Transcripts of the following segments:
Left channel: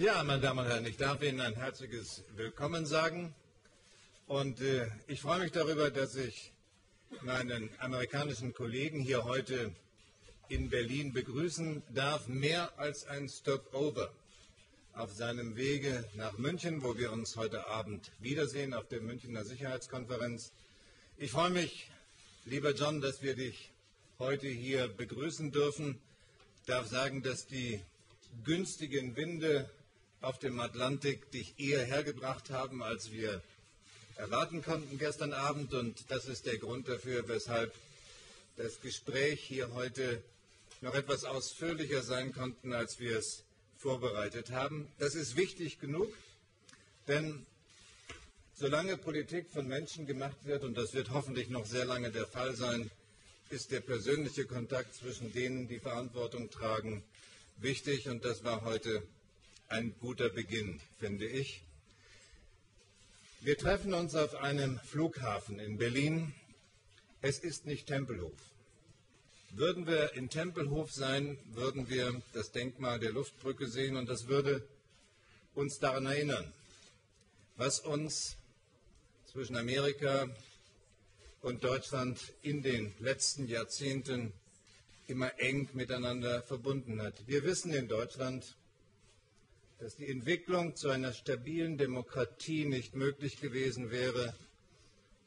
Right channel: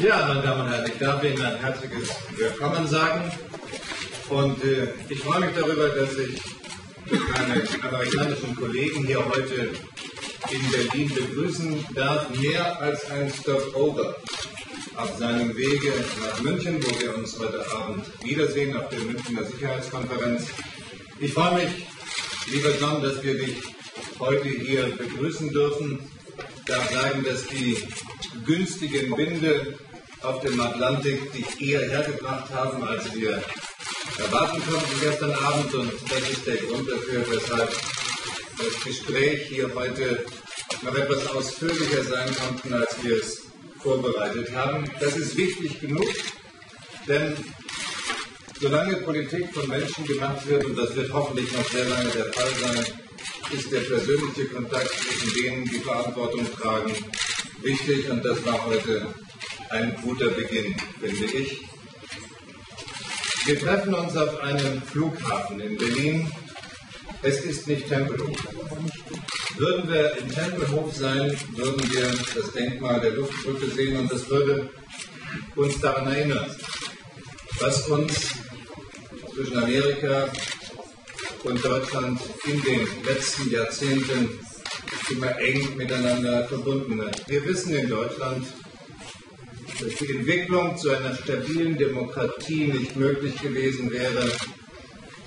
Ja, meine Damen und Herren, ich darf Ihnen ein herzliches Willkommen sagen. Und ich freue mich darüber, dass ich meine amerikanischen Kollegen hier heute in Berlin begrüßen darf. Mehr als ein Stopover auf seinem Wege nach München, wo wir uns heute Abend wiedersehen auf der Münchner Sicherheitskonferenz. Ich freue mich, lieber John, dass wir dich heute hier begrüßen dürfen. Ich darf sagen, dass die günstigen Winde auf dem Atlantik dich eher hergebracht haben, als wir erwarten konnten gestern Abend. Und das ist der Grund dafür, weshalb das Gespräch hier heute noch etwas ausführlicher sein konnte, als wir es vorbereitet haben. Das ist wichtig genug, denn solange Politik von Menschen gemacht wird, und das wird hoffentlich noch sehr lange der Fall sein, ist der persönliche Kontakt zwischen denen, die Verantwortung tragen, wichtig. Und das war heute ein guter Beginn, finde ich. Wir treffen uns auf einem Flughafen in Berlin. Es ist nicht Tempelhof. Würden wir in Tempelhof sein, würden wir das Denkmal der Luftbrücke sehen, und das würde uns daran erinnern, was uns zwischen Amerika und Deutschland in den letzten Jahrzehnten immer eng miteinander verbunden hat. Wir wissen in Deutschland, dass die Entwicklung zu einer stabilen Demokratie nicht möglich gewesen wäre,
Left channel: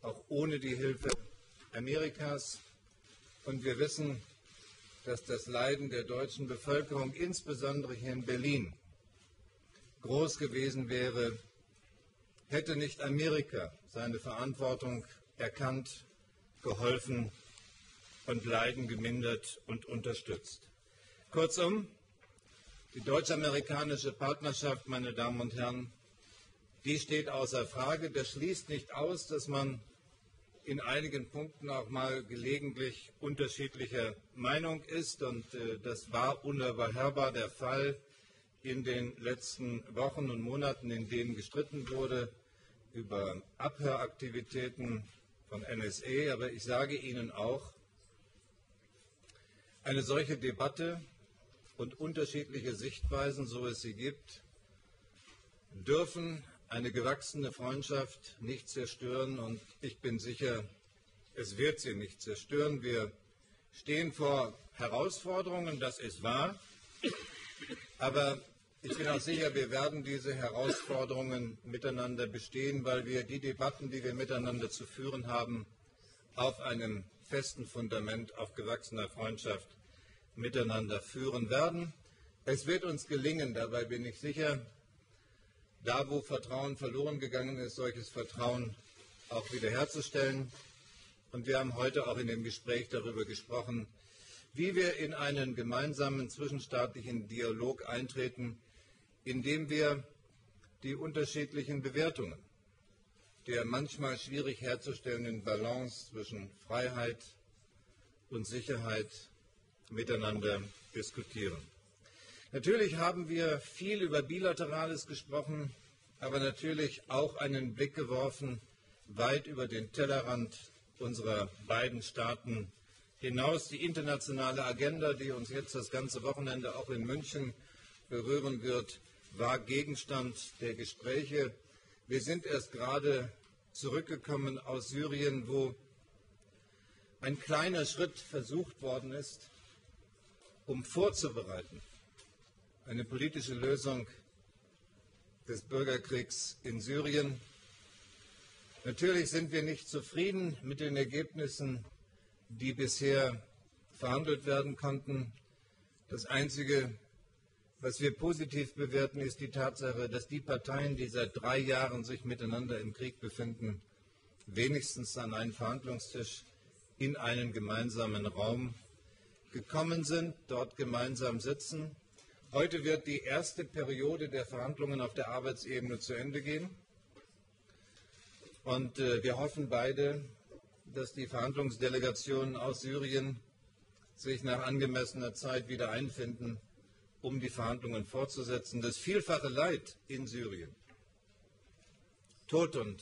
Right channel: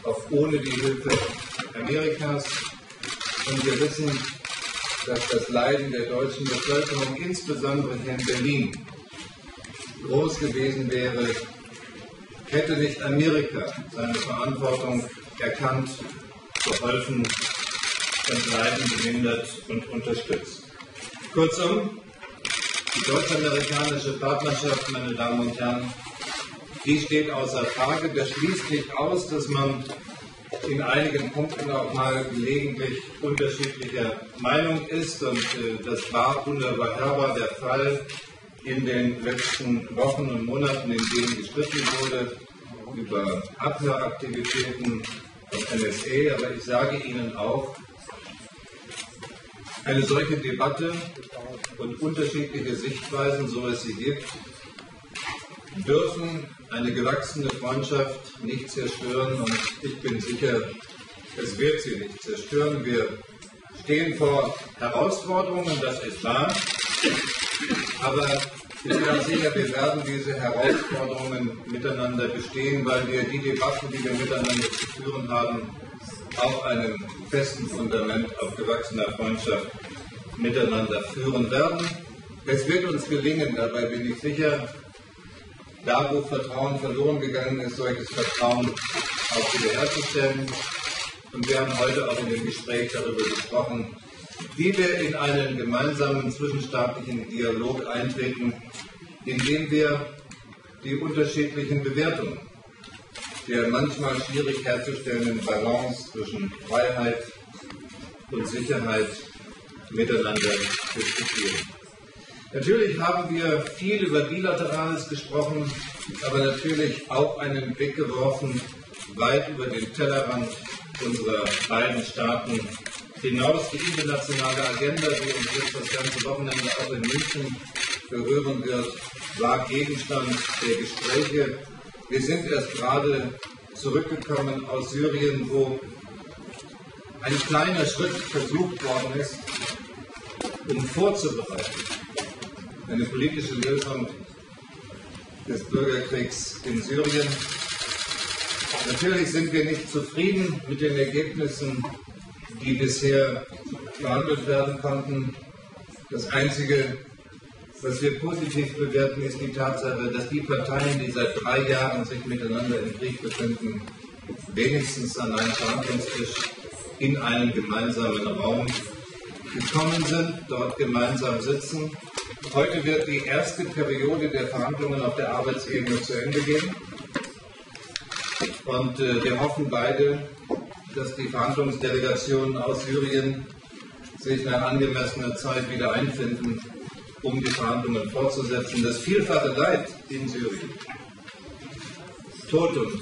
auch ohne die Hilfe Amerikas. Und wir wissen, dass das Leiden der deutschen Bevölkerung, insbesondere hier in Berlin, groß gewesen wäre, hätte nicht Amerika seine Verantwortung erkannt, geholfen und Leiden gemindert und unterstützt. Kurzum, die deutsch-amerikanische Partnerschaft, meine Damen und Herren, die steht außer Frage. Das schließt nicht aus, dass man in einigen Punkten auch mal gelegentlich unterschiedlicher Meinung ist. Und das war unüberhörbar der Fall in den letzten Wochen und Monaten, in denen gestritten wurde über Abhöraktivitäten von NSA. Aber ich sage Ihnen auch, eine solche Debatte und unterschiedliche Sichtweisen, so es sie gibt, dürfen eine gewachsene Freundschaft nicht zerstören, und ich bin sicher, es wird sie nicht zerstören. Wir stehen vor Herausforderungen, das ist wahr, aber ich bin auch sicher, wir werden diese Herausforderungen miteinander bestehen, weil wir die Debatten, die wir miteinander zu führen haben, auf einem festen Fundament, auf gewachsener Freundschaft miteinander führen werden. Es wird uns gelingen, dabei bin ich sicher, da wo Vertrauen verloren gegangen ist, solches Vertrauen auch wiederherzustellen. Und wir haben heute auch in dem Gespräch darüber gesprochen, wie wir in einen gemeinsamen zwischenstaatlichen Dialog eintreten, indem wir die unterschiedlichen Bewertungen der manchmal schwierig herzustellenden Balance zwischen Freiheit und Sicherheit miteinander diskutieren. Natürlich haben wir viel über Bilaterales gesprochen, aber natürlich auch einen Blick geworfen, weit über den Tellerrand unserer beiden Staaten hinaus. Die internationale Agenda, die uns jetzt das ganze Wochenende auch in München berühren wird, war Gegenstand der Gespräche. Wir sind erst gerade zurückgekommen aus Syrien, wo ein kleiner Schritt versucht worden ist, um vorzubereiten, eine politische Lösung des Bürgerkriegs in Syrien. Natürlich sind wir nicht zufrieden mit den Ergebnissen, die bisher verhandelt werden konnten. Das Einzige, was wir positiv bewerten, ist die Tatsache, dass die Parteien, die seit 3 Jahren sich miteinander im Krieg befinden, wenigstens an einen Verhandlungstisch in einen gemeinsamen Raum gekommen sind, dort gemeinsam sitzen. Heute wird die erste Periode der Verhandlungen auf der Arbeitsebene zu Ende gehen. Und wir hoffen beide, dass die Verhandlungsdelegationen aus Syrien sich nach angemessener Zeit wieder einfinden, um die Verhandlungen fortzusetzen. Das vielfache Leid in Syrien, Tod und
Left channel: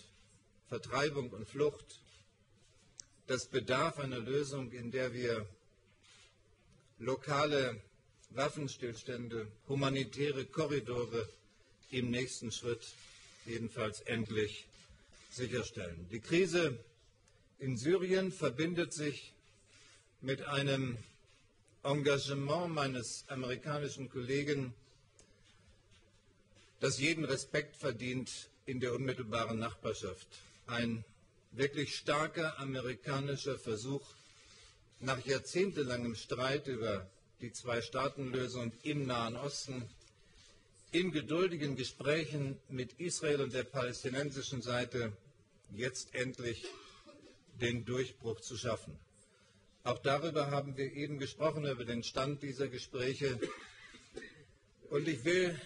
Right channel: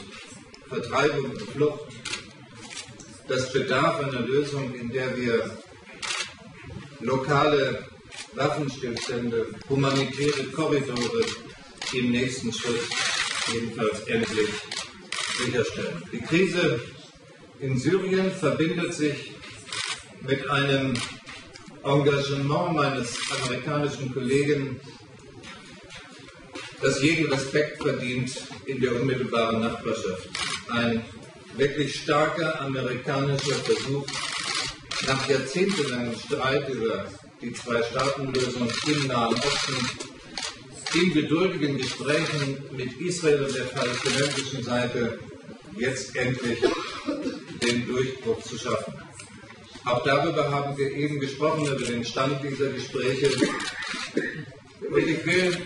Vertreibung und Flucht, das bedarf einer Lösung, in der wir lokale Waffenstillstände, humanitäre Korridore im nächsten Schritt jedenfalls endlich sicherstellen. Die Krise in Syrien verbindet sich mit einem Engagement meines amerikanischen Kollegen, das jeden Respekt verdient in der unmittelbaren Nachbarschaft. Ein wirklich starker amerikanischer Versuch, nach jahrzehntelangem Streit über die Zwei-Staaten-Lösung im Nahen Osten, in geduldigen Gesprächen mit Israel und der palästinensischen Seite jetzt endlich den Durchbruch zu schaffen. Auch darüber haben wir eben gesprochen, über den Stand dieser Gespräche. Und ich will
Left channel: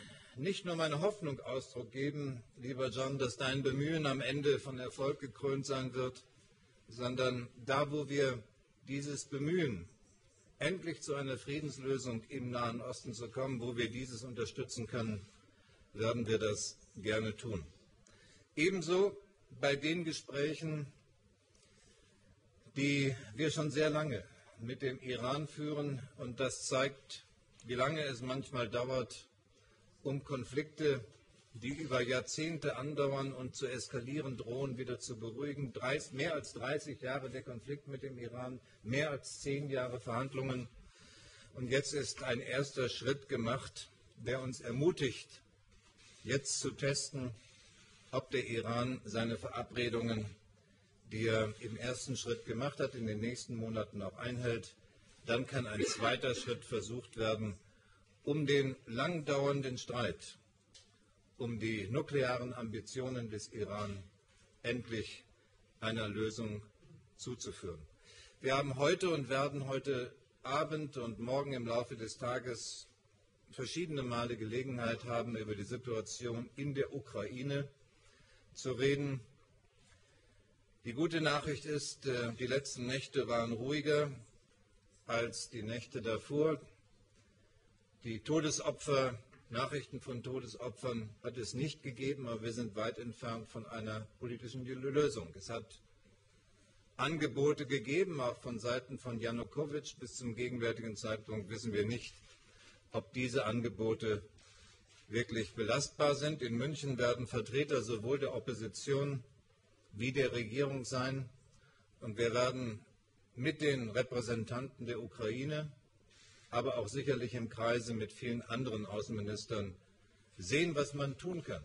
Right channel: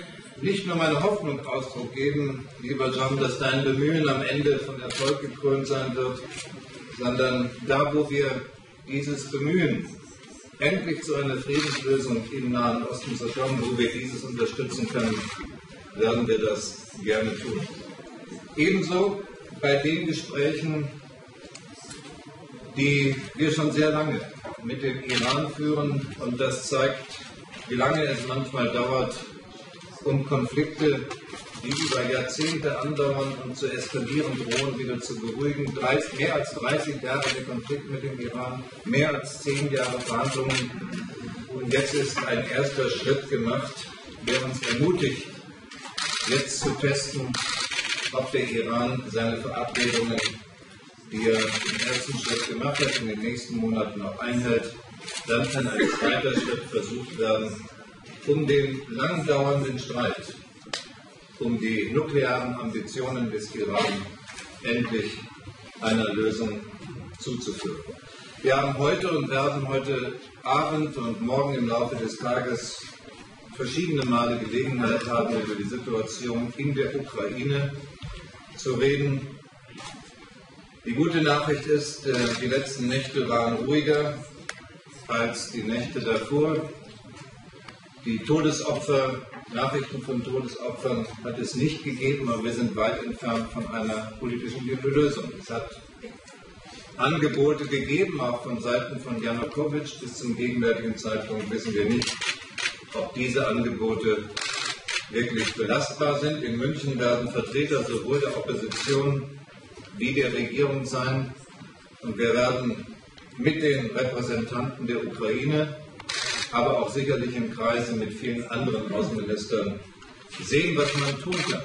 nicht nur meine Hoffnung Ausdruck geben, lieber John, dass dein Bemühen am Ende von Erfolg gekrönt sein wird, sondern da, wo wir dieses Bemühen endlich zu einer Friedenslösung im Nahen Osten zu kommen, wo wir dieses unterstützen können, werden wir das gerne tun. Ebenso bei den Gesprächen, die wir schon sehr lange mit dem Iran führen, und das zeigt, wie lange es manchmal dauert, um Konflikte, die über Jahrzehnte andauern und zu eskalieren drohen, wieder zu beruhigen. Mehr als 30 Jahre der Konflikt mit dem Iran, mehr als 10 Jahre Verhandlungen. Und jetzt ist ein erster Schritt gemacht, der uns ermutigt, jetzt zu testen, ob der Iran seine Verabredungen, die er im ersten Schritt gemacht hat, in den nächsten Monaten noch einhält. Dann kann ein zweiter Schritt versucht werden, um den lang dauernden Streit, um die nuklearen Ambitionen des Iran endlich einer Lösung zuzuführen. Wir haben heute und werden heute Abend und morgen im Laufe des Tages verschiedene Male Gelegenheit haben, über die Situation in der Ukraine zu reden. Die gute Nachricht ist, die letzten Nächte waren ruhiger als die Nächte davor. Die Todesopfer, Nachrichten von Todesopfern hat es nicht gegeben, aber wir sind weit entfernt von einer politischen Lösung. Es hat Angebote gegeben, auch von Seiten von Janukowitsch. Bis zum gegenwärtigen Zeitpunkt wissen wir nicht, ob diese Angebote wirklich belastbar sind. In München werden Vertreter sowohl der Opposition wie der Regierung sein. Und wir werden mit den Repräsentanten der Ukraine, aber auch sicherlich im Kreise mit vielen anderen Außenministern sehen, was man tun kann,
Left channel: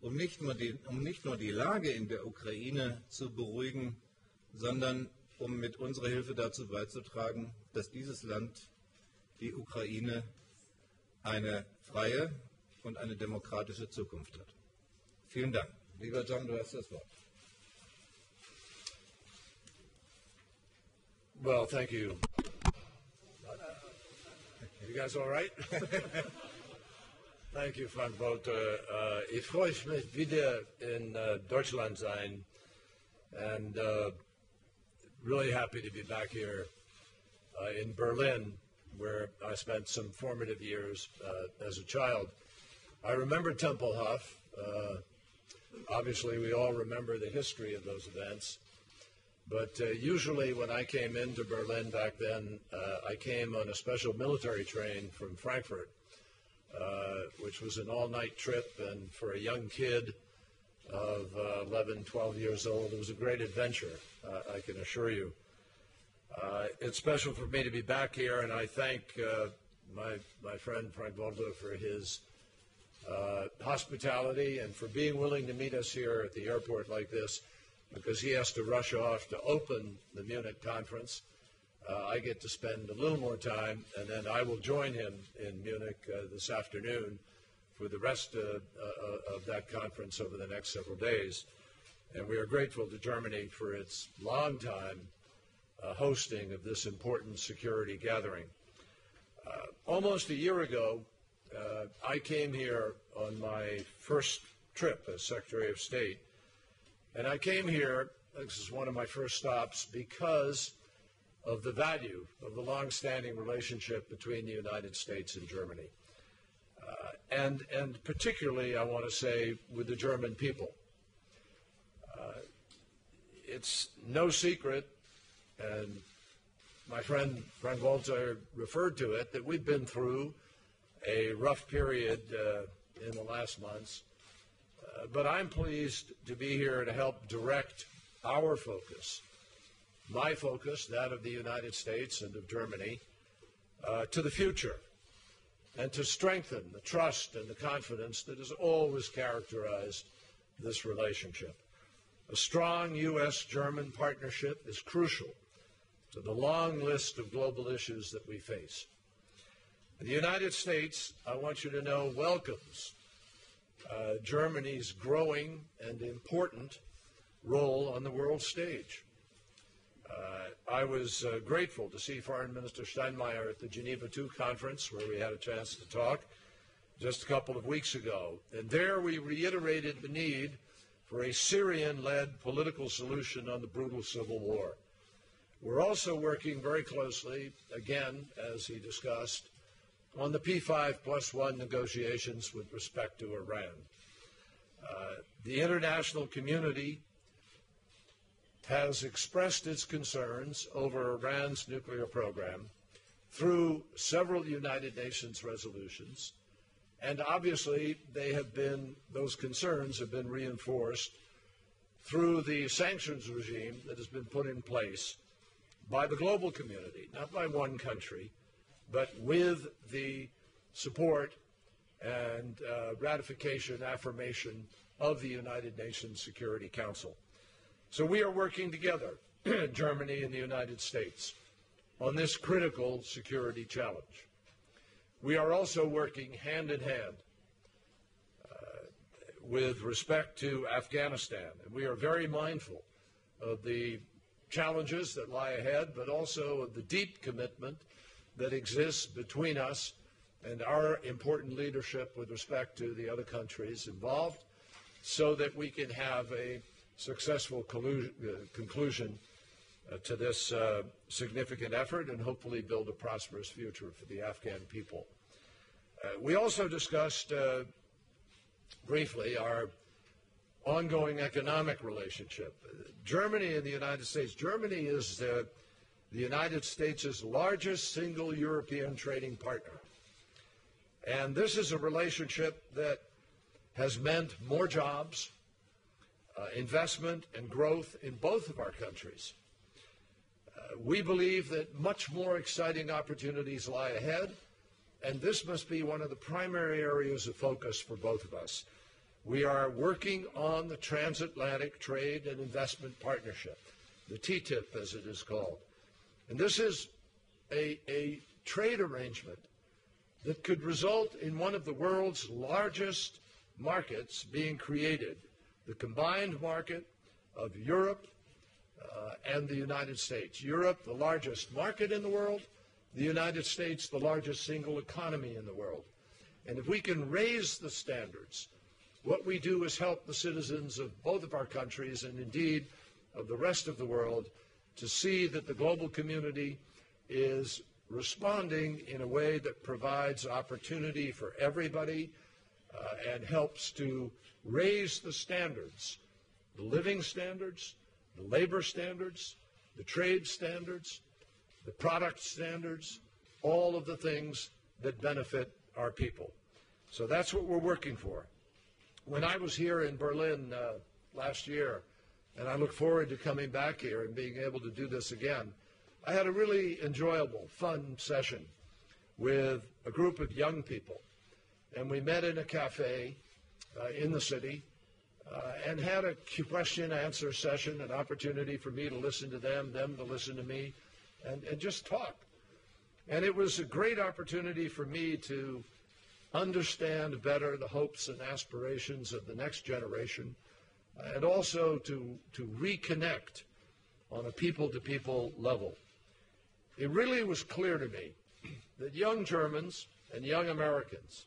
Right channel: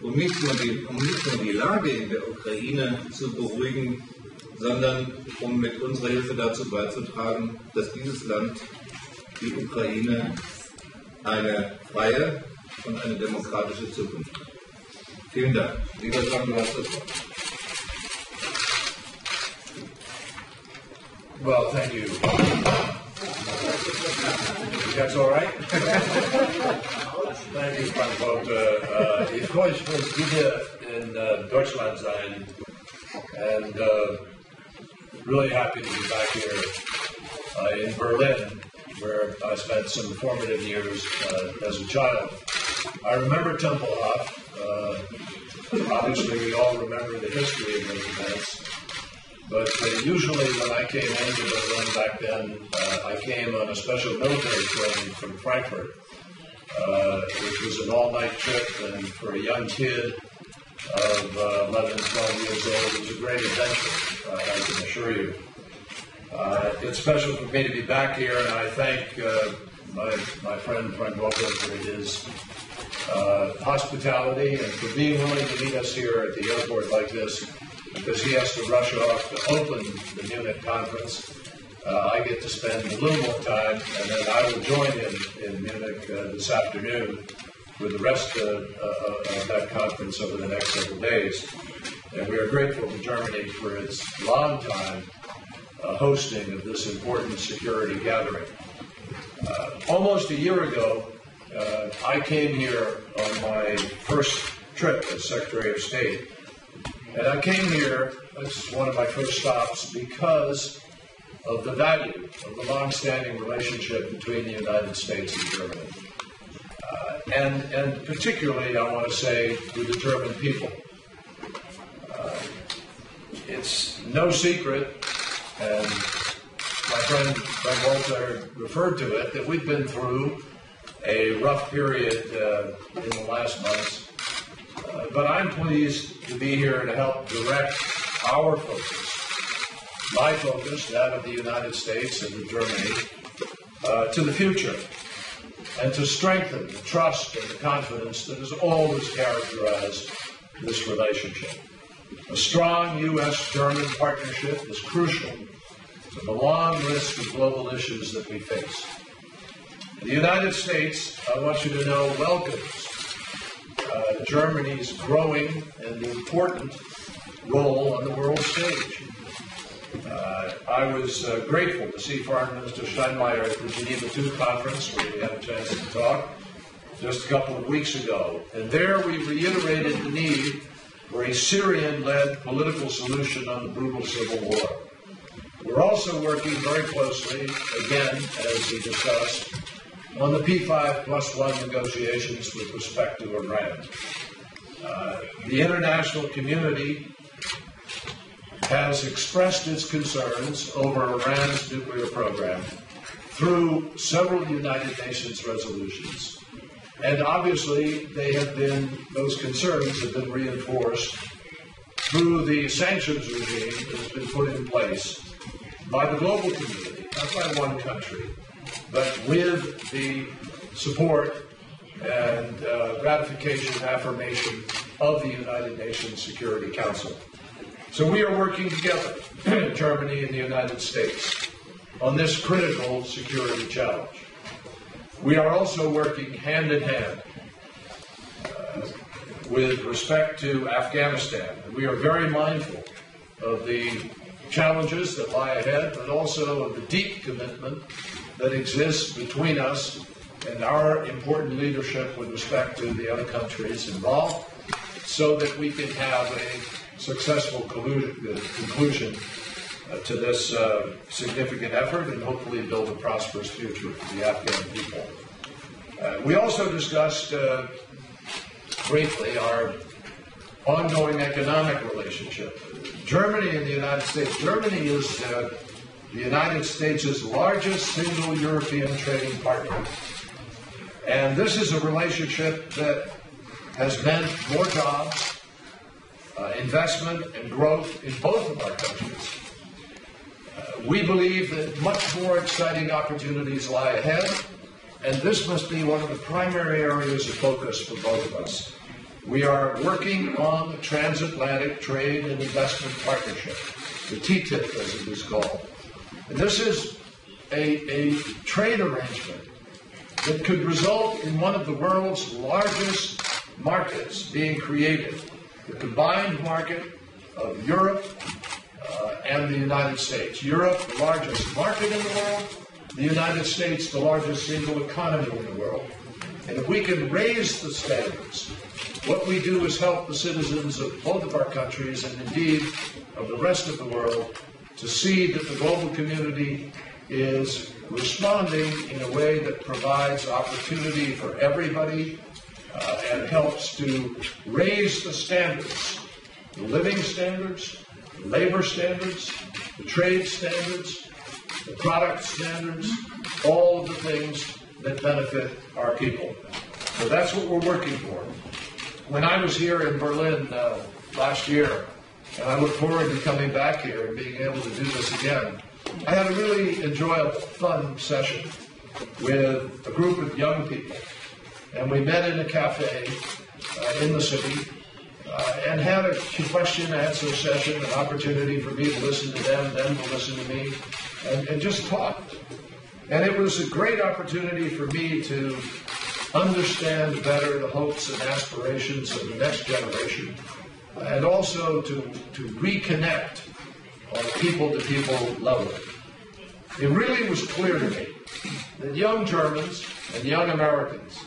um nicht nur die Lage in der Ukraine zu beruhigen, sondern um mit unserer Hilfe dazu beizutragen, dass dieses Land, die Ukraine, eine freie und eine demokratische Zukunft hat. Vielen Dank. Lieber John, du hast das Wort. Well, thank you. You guys all right? Thank you, Frank Walter. Ich freue mich wieder in Deutschland sein, and really happy to be back here in Berlin, where I spent some formative years as a child. I remember Tempelhof. Obviously, we all remember the history of those events. But usually when I came into Berlin back then, I came on a special military train from Frankfurt, which was an all-night trip, and for a young kid of 11, 12 years old, it was a great adventure, I can assure you. It's special for me to be back here, and I thank my friend Frank Walter for his hospitality and for being willing to meet us here at the airport like this, because he has to rush off to open the Munich conference. I get to spend a little more time, and then I will join him in Munich this afternoon with the rest of that conference over the next several days. And we are grateful to Germany for its long time hosting of this important security gathering. Almost a year ago, I came here on my first trip as Secretary of State. And I came here, this is one of my first stops, because of the value of the long-standing relationship between the United States and Germany. And particularly, I want to say, with the German people. It's no secret And my friend Frank Walter referred to it, that we've been through a rough period in the last months. But I'm pleased to be here to help direct our focus, my focus, that of the United States and of Germany, to the future, and to strengthen the trust and the confidence that has always characterized this relationship. A strong U.S.-German partnership is crucial to the long list of global issues that we face. The United States, I want you to know, welcomes Germany's growing and important role on the world stage. I was grateful to see Foreign Minister Steinmeier at the Geneva II conference, where we had a chance to talk just a couple of weeks ago. And there we reiterated the need for a Syrian-led political solution on the brutal civil war. We're also working very closely, again, as we discussed, on the P5+1 negotiations with respect to Iran. The international community has expressed its concerns over Iran's nuclear program through several United Nations resolutions. And obviously, those concerns have been reinforced through the sanctions regime that has been put in place by the global community, not by one country, but with the support and ratification and affirmation of the United Nations Security Council. So we are working together, Germany and the United States, on this critical security challenge. We are also working hand in hand with respect to Afghanistan. We are very mindful of the challenges that lie ahead, but also of the deep commitment that exists between us and our important leadership with respect to the other countries involved, so that we can have a successful conclusion to this significant effort and hopefully build a prosperous future for the Afghan people. We also discussed briefly our ongoing economic relationship. Germany and the United States. Germany is the United States' largest single European trading partner. And this is a relationship that has meant more jobs, investment, and growth in both of our countries. We believe that much more exciting opportunities lie ahead, and this must be one of the primary areas of focus for both of us. We are working on the Transatlantic Trade and Investment Partnership, the TTIP as it is called. And this is a trade arrangement that could result in one of the world's largest markets being created, the combined market of Europe and the United States. Europe, the largest market in the world, the United States, the largest single economy in the world. And if we can raise the standards, what we do is help the citizens of both of our countries, and indeed of the rest of the world, to see that the global community is responding in a way that provides opportunity for everybody and helps to raise the standards, the living standards, the labor standards, the trade standards, the product standards, all of the things that benefit our people. So that's what we're working for. When I was here in Berlin last year, and I look forward to coming back here and being able to do this again, I had a really enjoyable, fun session with a group of young people. And we met in a cafe in the city and had a question-answer session, an opportunity for me to listen to them to listen to me, and just talked. And it was a great opportunity for me to understand better the hopes and aspirations of the next generation, and also to reconnect on a people-to-people level. It really was clear to me that young Germans and young Americans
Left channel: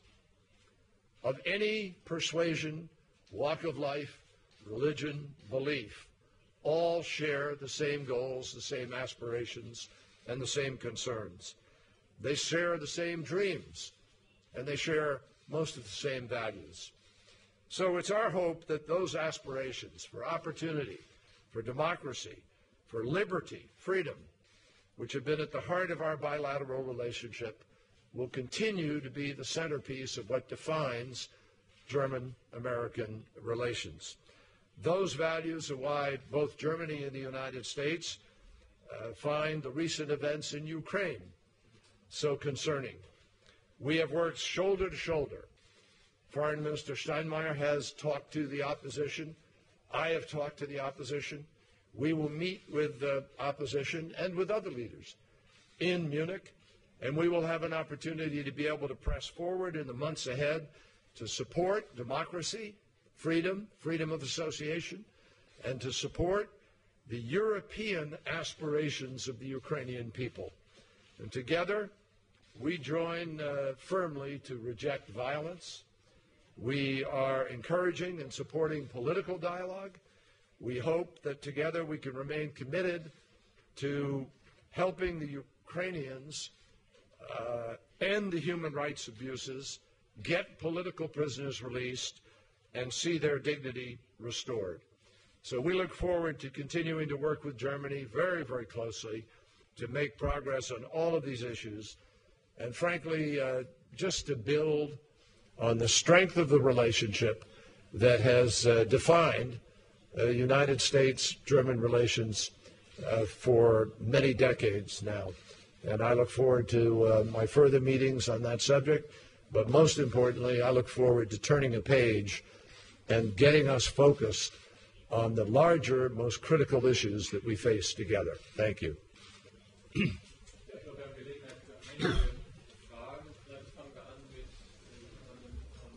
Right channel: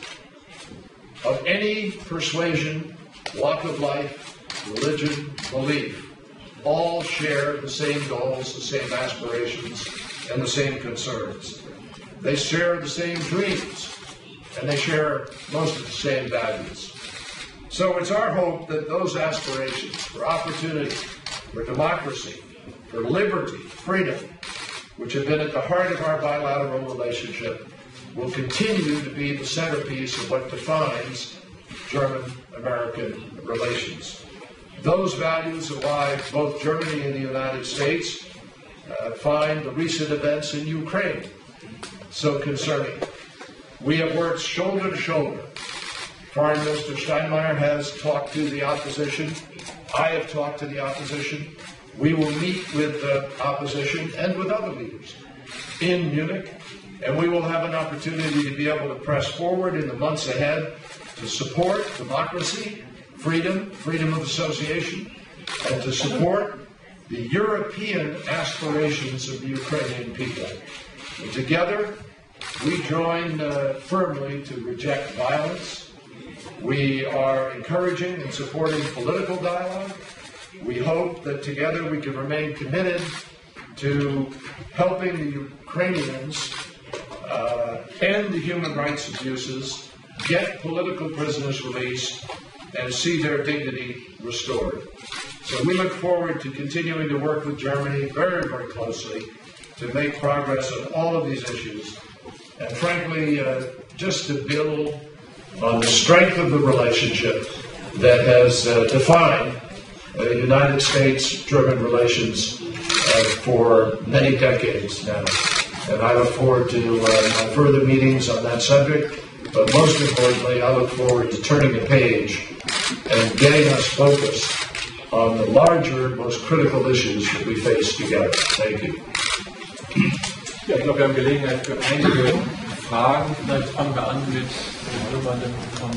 of any persuasion, walk of life, religion, belief, all share the same goals, the same aspirations, and the same concerns. They share the same dreams, and they share most of the same values. So it's our hope that those aspirations for opportunity, for democracy, for liberty, freedom, which have been at the heart of our bilateral relationship, will continue to be the centerpiece of what defines German-American relations. Those values are why both Germany and the United States find the recent events in Ukraine so concerning. We have worked shoulder to shoulder. Foreign Minister Steinmeier has talked to the opposition. I have talked to the opposition. We will meet with the opposition and with other leaders in Munich, and we will have an opportunity to be able to press forward in the months ahead to support democracy, freedom of association, and to support the European aspirations of the Ukrainian people. And together, we join firmly to reject violence. We are encouraging and supporting political dialogue. We hope that together we can remain committed to helping the Ukrainians end the human rights abuses, get political prisoners released, and see their dignity restored. So we look forward to continuing to work with Germany very, very closely to make progress on all of these issues. And frankly, just to build on the strength of the relationship that has defined United States-German relations for many decades now. And I look forward to further meetings on that subject, but most importantly, I look forward to turning the page and getting us focused on the larger, most critical issues that we face together. Thank you. Ja, ich glaube, wir haben Gelegenheit für einige Fragen. Vielleicht fangen wir an mit jemandem von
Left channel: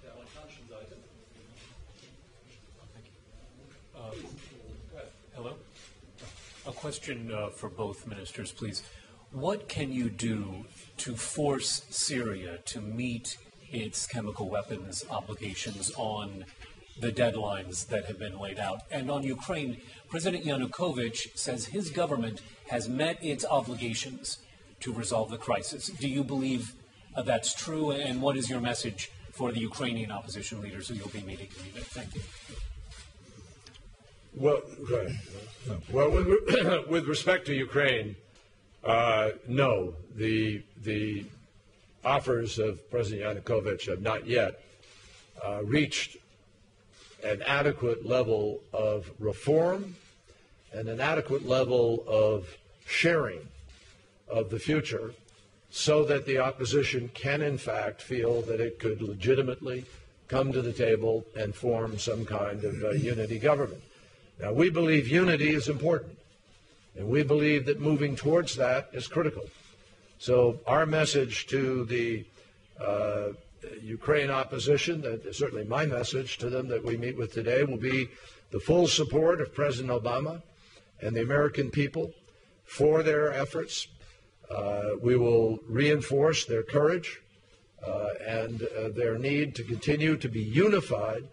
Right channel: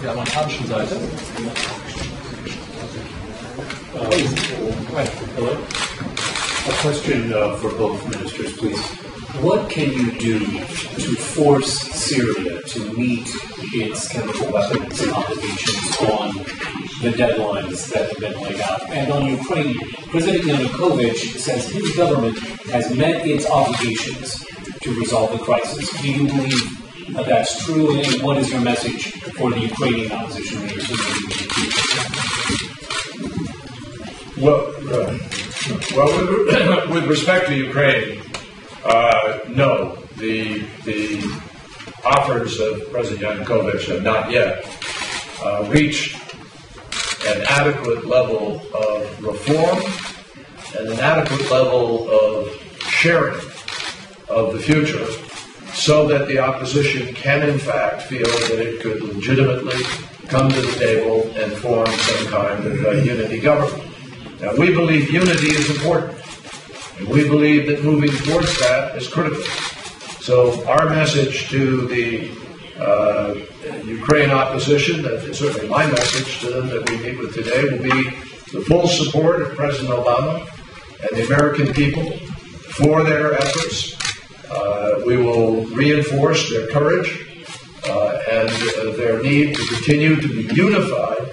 der amerikanischen Seite. A question for both ministers, please. What can you do to force Syria to meet its chemical weapons obligations on the deadlines that have been laid out? And on Ukraine, President Yanukovych says his government has met its obligations to resolve the crisis. Do you believe that's true? And what is your message for the Ukrainian opposition leaders? Well, with respect to Ukraine, no. The offers of President Yanukovych have not yet reached an adequate level of reform and an adequate level of sharing of the future so that the opposition can in fact feel that it could legitimately come to the table and form some kind of unity government. Now, we believe unity is important, and we believe that moving towards that is critical. So our message to the Ukraine opposition, certainly my message to them that we meet with today, will be the full support of President Obama and the American people for their efforts. We will reinforce their courage and their need to continue to be unified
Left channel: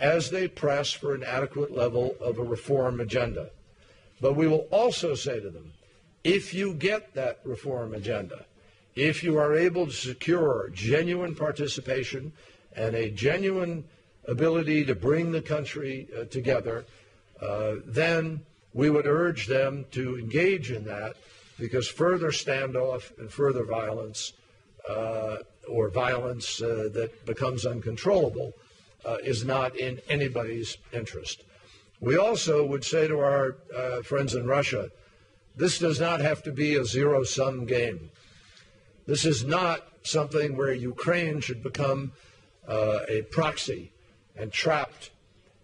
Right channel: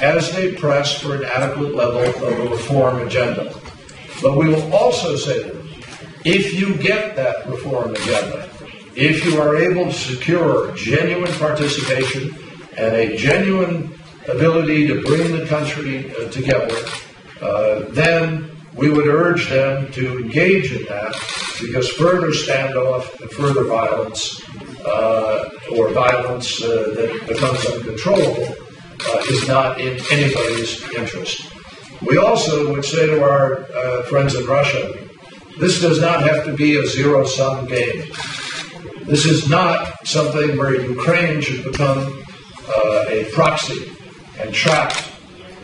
as they press for an adequate level of a reform agenda. But we will also say to them, if you get that reform agenda, if you are able to secure genuine participation and a genuine ability to bring the country together, then we would urge them to engage in that, because further standoff and further violence, or violence that becomes uncontrollable, is not in anybody's interest. We also would say to our friends in Russia, this does not have to be a zero-sum game. This is not something where Ukraine should become a proxy and trapped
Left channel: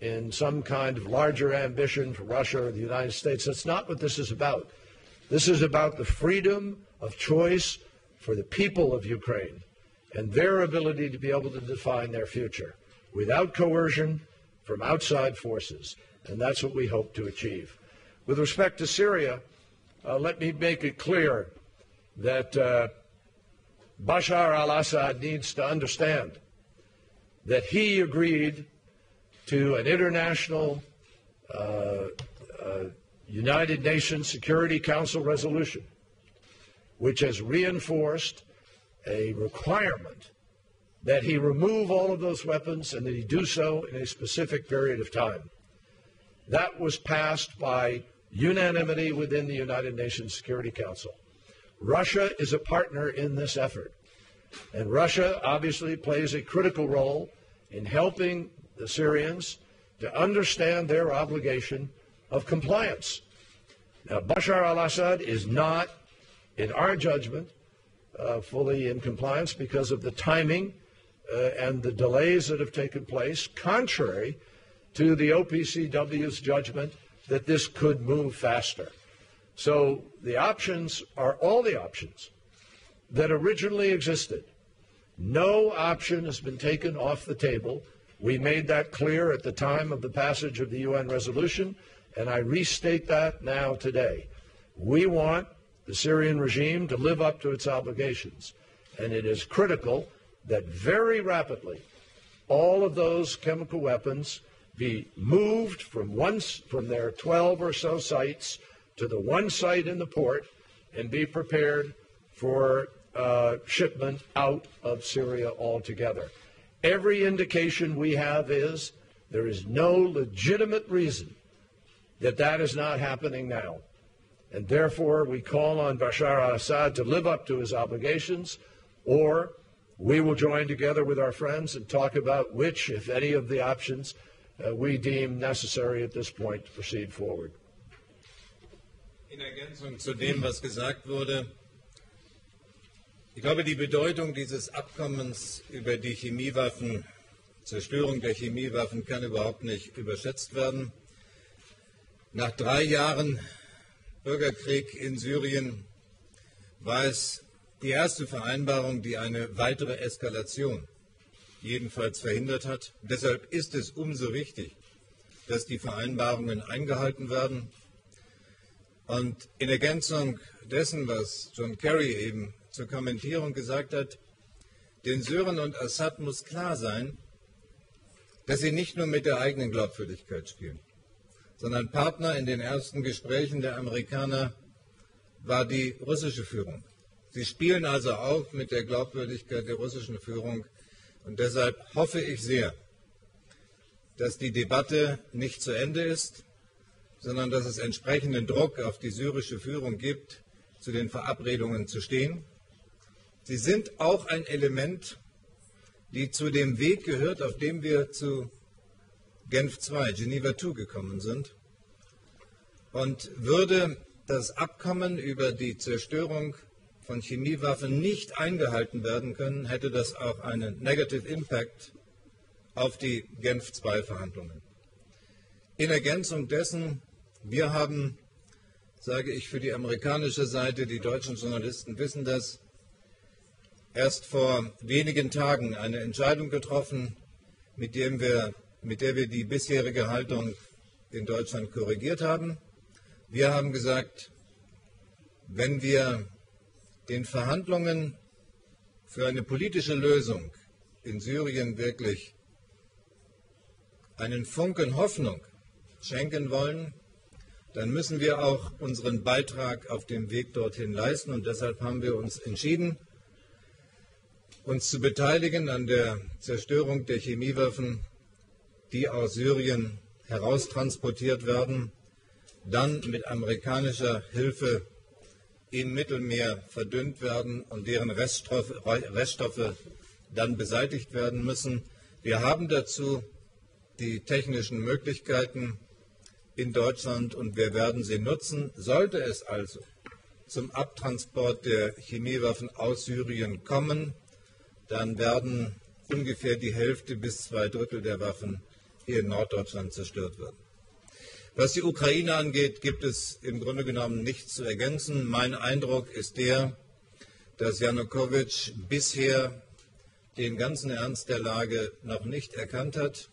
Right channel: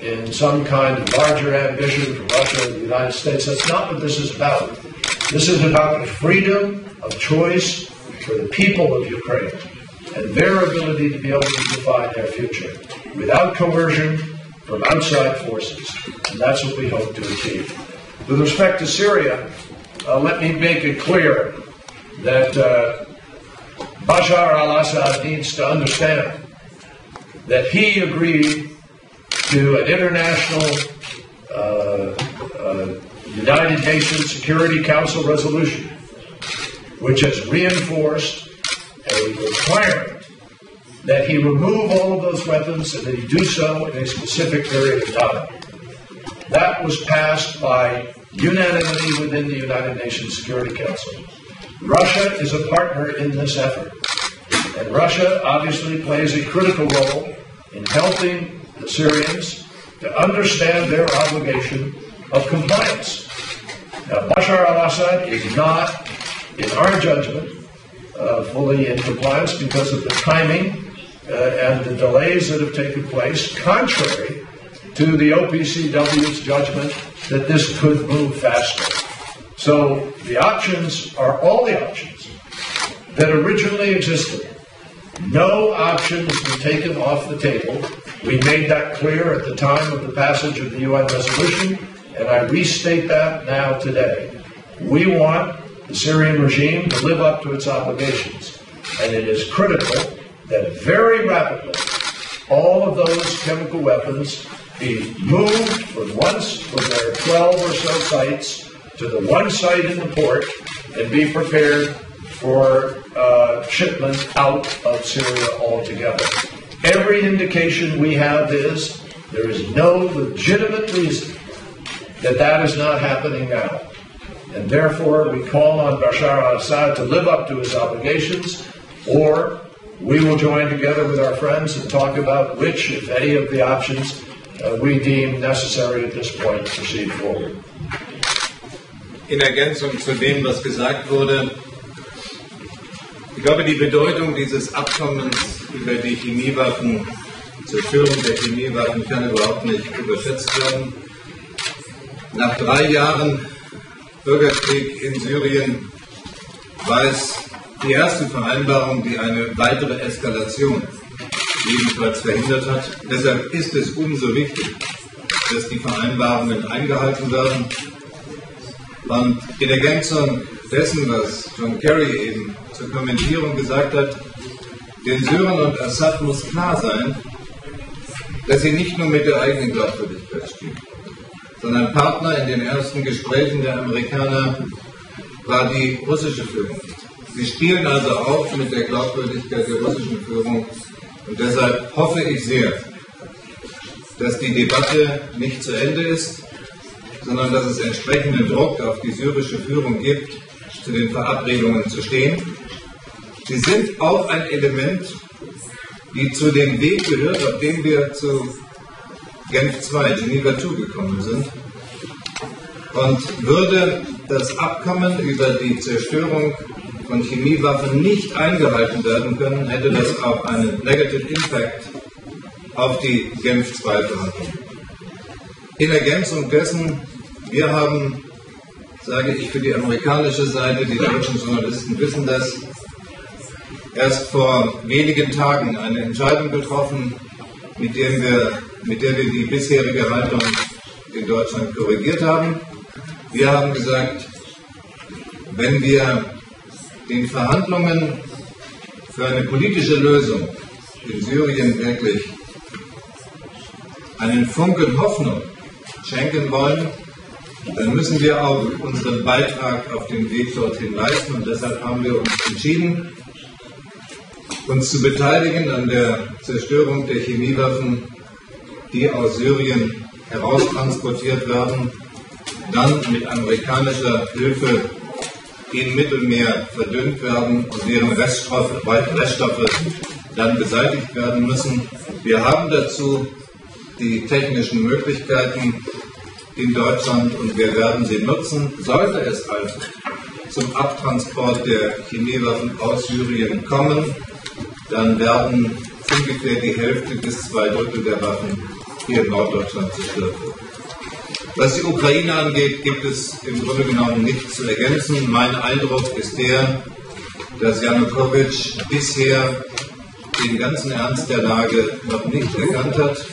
in some kind of larger ambition from Russia and the United States. That's not what this is about. This is about the freedom of choice for the people of Ukraine and their ability to be able to define their future without coercion from outside forces. And that's what we hope to achieve. With respect to Syria, let me make it clear that Bashar al-Assad needs to understand that he agreed to an international United Nations Security Council resolution, which has reinforced a requirement that he remove all of those weapons and that he do so in a specific period of time. That was passed by unanimity within the United Nations Security Council. Russia is a partner in this effort, and Russia obviously plays a critical role in helping the Syrians to understand their obligation of compliance. Now, Bashar al-Assad is not, in our judgment, fully in compliance because of the timing and the delays that have taken place, contrary to the OPCW's judgment that this could move faster. So the options are all the options that originally existed. No option has been taken off the table. We made that clear at the time of the passage of the UN resolution, and I restate that now today. We want the Syrian regime to live up to its obligations, and it is critical that very rapidly all of those chemical weapons be moved from their 12 or so sites to the one site in the port and be prepared for shipment out of Syria altogether. Every indication we have is there is no legitimate reason that that is not happening now. And therefore, we call on Bashar al-Assad to live up to his obligations, or we will join together with our friends and talk about which, if any, of the options we deem necessary at this point to proceed forward. In Ergänzung zu dem, was gesagt wurde, ich glaube, die Bedeutung dieses Abkommens über die Chemiewaffen, Zerstörung der Chemiewaffen, kann überhaupt nicht überschätzt werden. Nach 3 Jahren Bürgerkrieg in Syrien war es die erste Vereinbarung, die eine weitere Eskalation jedenfalls verhindert hat. Deshalb ist es umso wichtig, dass die Vereinbarungen eingehalten werden. Und in Ergänzung dessen, was John Kerry eben zur Kommentierung gesagt hat, den Syrern und Assad muss klar sein, dass sie nicht nur mit der eigenen Glaubwürdigkeit stehen, sondern Partner in den ersten Gesprächen der Amerikaner war die russische Führung. Sie spielen also auch mit der Glaubwürdigkeit der russischen Führung. Und deshalb hoffe ich sehr, dass die Debatte nicht zu Ende ist, sondern dass es entsprechenden Druck auf die syrische Führung gibt, zu den Verabredungen zu stehen. Sie sind auch ein Element, die zu dem Weg gehört, auf dem wir zu Genf II, Geneva II gekommen sind. Und würde das Abkommen über die Zerstörung von Chemiewaffen nicht eingehalten werden können, hätte das auch einen Negative Impact auf die Genf II-Verhandlungen. In Ergänzung dessen, wir haben, sage ich für die amerikanische Seite, die deutschen Journalisten wissen das, erst vor wenigen Tagen eine Entscheidung getroffen, mit der wir die bisherige Haltung in Deutschland korrigiert haben. Wir haben gesagt, wenn wir den Verhandlungen für eine politische Lösung in Syrien wirklich einen Funken Hoffnung schenken wollen, dann müssen wir auch unseren Beitrag auf den Weg dorthin leisten. Und deshalb haben wir uns entschieden, uns zu beteiligen an der Zerstörung der Chemiewaffen, die aus Syrien heraustransportiert werden, dann mit amerikanischer Hilfe im Mittelmeer verdünnt werden und deren Reststoffe dann beseitigt werden müssen. Wir haben dazu die technischen Möglichkeiten in Deutschland und wir werden sie nutzen. Sollte es also zum Abtransport der Chemiewaffen aus Syrien kommen, dann werden ungefähr die Hälfte bis 2/3 der Waffen hier in Norddeutschland zerstört werden. Was die Ukraine angeht, gibt es im Grunde genommen nichts zu ergänzen. Mein Eindruck ist der, dass Janukowitsch bisher den ganzen Ernst der Lage noch nicht erkannt hat.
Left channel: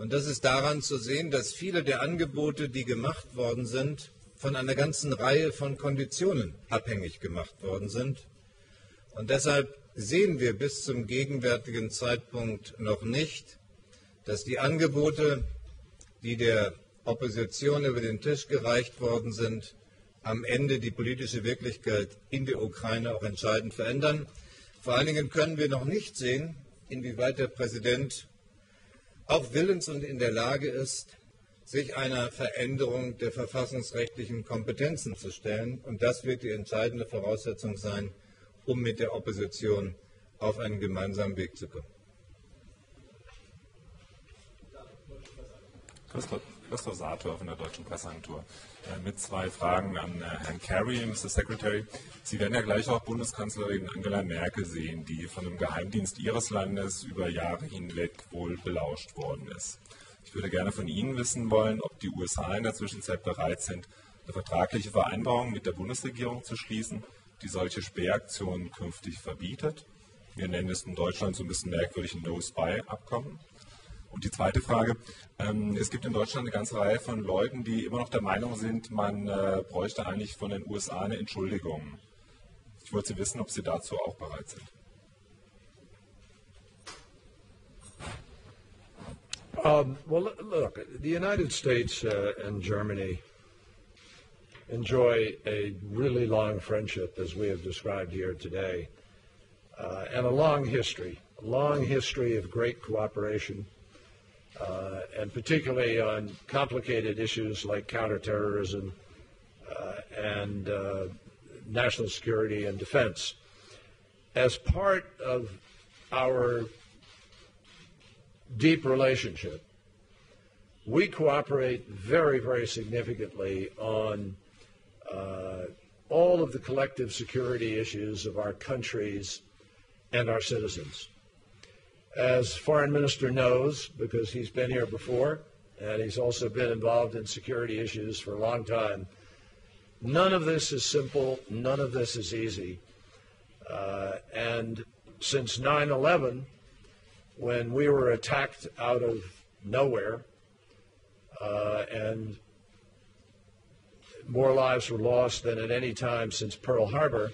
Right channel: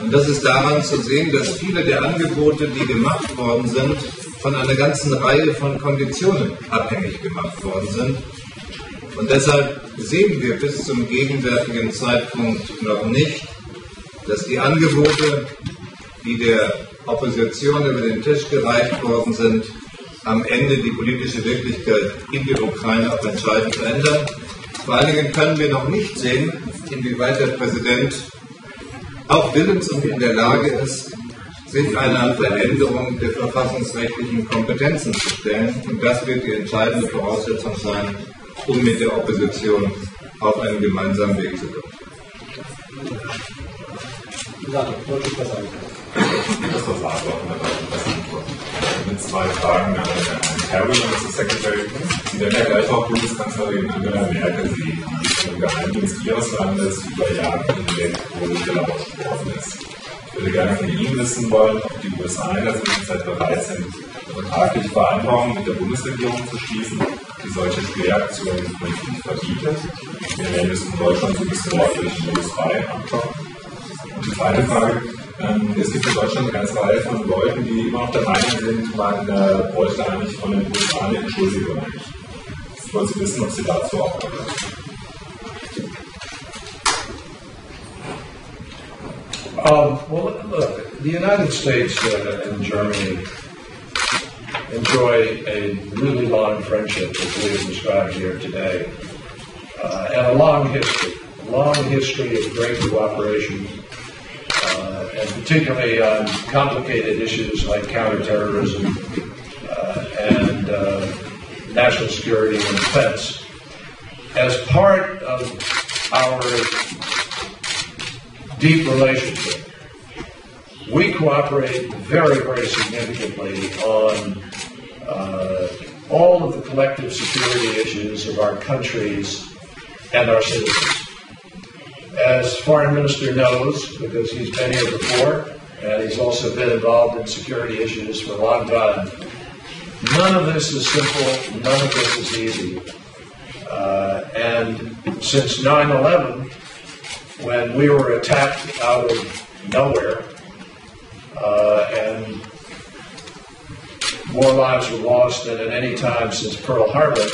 Und das ist daran zu sehen, dass viele der Angebote, die gemacht worden sind, von einer ganzen Reihe von Konditionen abhängig gemacht worden sind. Und deshalb sehen wir bis zum gegenwärtigen Zeitpunkt noch nicht, dass die Angebote, die der Opposition über den Tisch gereicht worden sind, am Ende die politische Wirklichkeit in der Ukraine auch entscheidend verändern. Vor allen Dingen können wir noch nicht sehen, inwieweit der Präsident auch willens und in der Lage ist, sich einer Veränderung der verfassungsrechtlichen Kompetenzen zu stellen. Und das wird die entscheidende Voraussetzung sein, um mit der Opposition auf einen gemeinsamen Weg zu kommen. Das war beantworten, mit zwei Fragen an Herrn Kerry und zu Secretary. Sie werden ja gleich auch Bundeskanzlerin Angela Merkel sehen, die im Geheimdienst Ihres Landes über Jahre hinweg wohl gelaufen ist. Ich würde gerne von Ihnen wissen wollen, ob die USA in der Zwischenzeit bereit sind, vertragliche Vereinbarungen mit der Bundesregierung zu schließen, die solche Spähaktionen künftig verbietet. Wir werden es in Deutschland so ein bisschen durch den Bundesfrei ankommen. Und die zweite Frage, es gibt in Deutschland eine ganze Reihe von Leuten, die immer noch der Meinung sind, man bräuchte eigentlich von den USA eine Entschuldigung. Ich wollte Sie wissen, ob Sie dazu auch haben. Well, look, the United States and Germany enjoy a really long friendship, as we have described here today, and a long history of great cooperation, and particularly on complicated issues like counterterrorism and national security and defense. As part of our deep relationship, we cooperate very, very significantly on all of the collective security issues of our countries and our citizens. As Foreign Minister knows, because he's been here before, and he's also been involved in security issues for a long time, none of this is simple, none of this is easy. And since 9/11, when we were attacked out of nowhere, and more lives were lost than at any time since Pearl Harbor,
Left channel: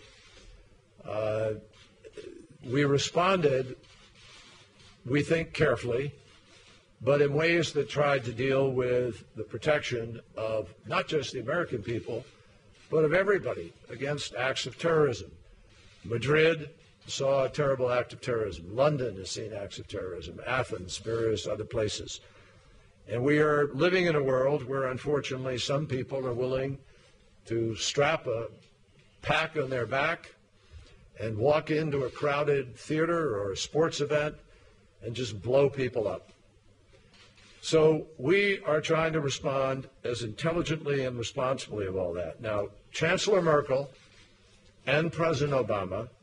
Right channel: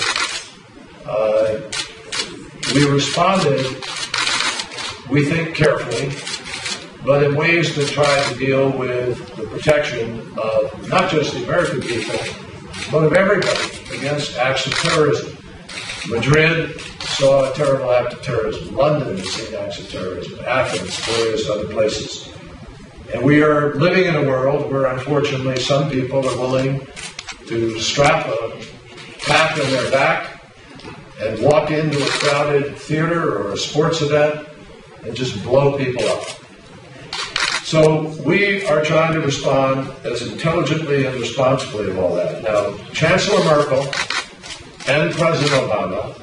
we responded, we think, carefully, but in ways that tried to deal with the protection of not just the American people, but of everybody against acts of terrorism. Madrid saw a terrible act of terrorism. London has seen acts of terrorism. Athens, various other places. And we are living in a world where, unfortunately, some people are willing to strap a pack on their back and walk into a crowded theater or a sports event and just blow people up. So we are trying to respond as intelligently and responsibly of all that. Now, Chancellor Merkel and President Obama,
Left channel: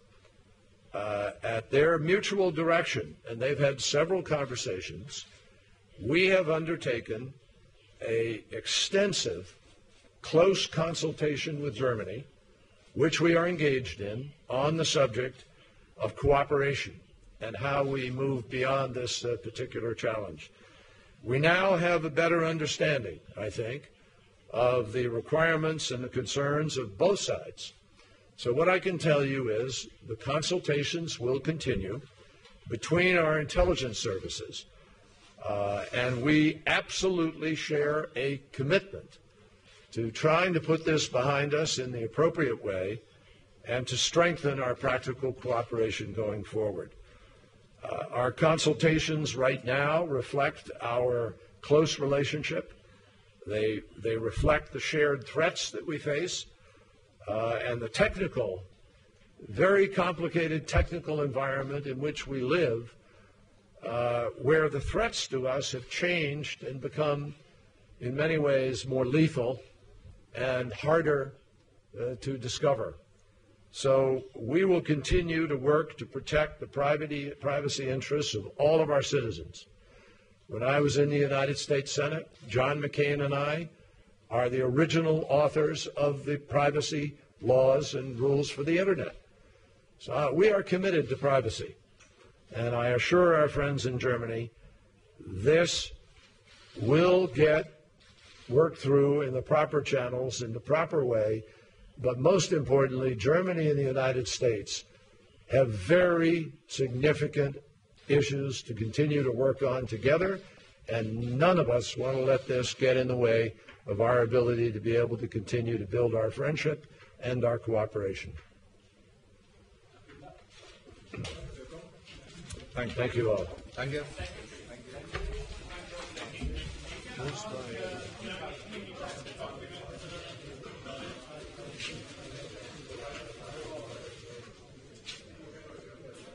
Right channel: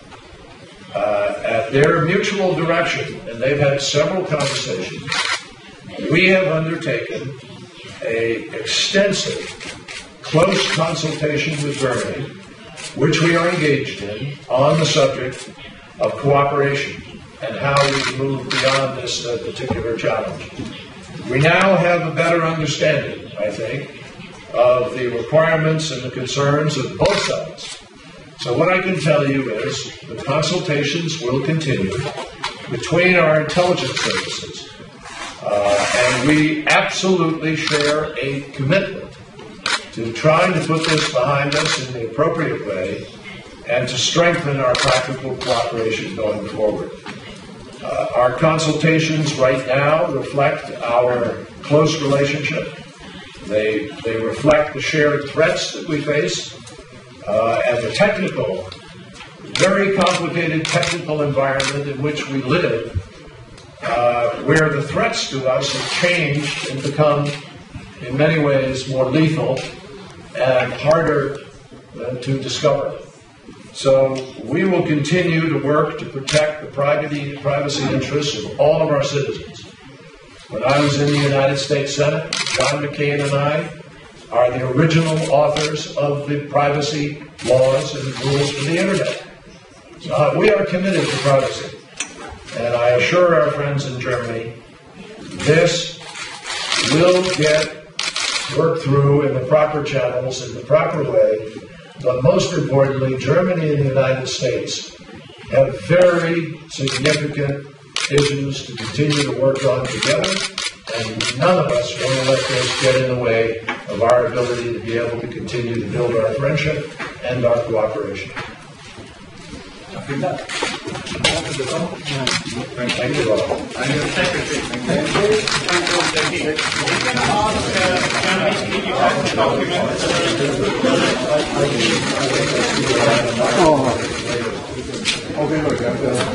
at their mutual direction, and they've had several conversations, we have undertaken an extensive, close consultation with Germany, which we are engaged in on the subject of cooperation and how we move beyond this particular challenge. We now have a better understanding, I think, of the requirements and the concerns of both sides. So what I can tell you is the consultations will continue between our intelligence services, and we absolutely share a commitment to trying to put this behind us in the appropriate way and to strengthen our practical cooperation going forward. Our consultations right now reflect our close relationship. They reflect the shared threats that we face and the technical, very complicated technical environment in which we live, where the threats to us have changed and become, in many ways, more lethal and harder to discover. So we will continue to work to protect the privacy interests of all of our citizens. When I was in the United States Senate, John McCain and I are the original authors of the privacy laws and rules for the Internet. So we are committed to privacy. And I assure our friends in Germany, this will get worked through in the proper channels, in the proper way. But most importantly, Germany and the United States have very significant issues to continue to work on together, and none of us want to let this get in the way of our ability to be able to continue to build our friendship and our cooperation. Vielen Dank. Thank you all. And your secretary. Okay, look,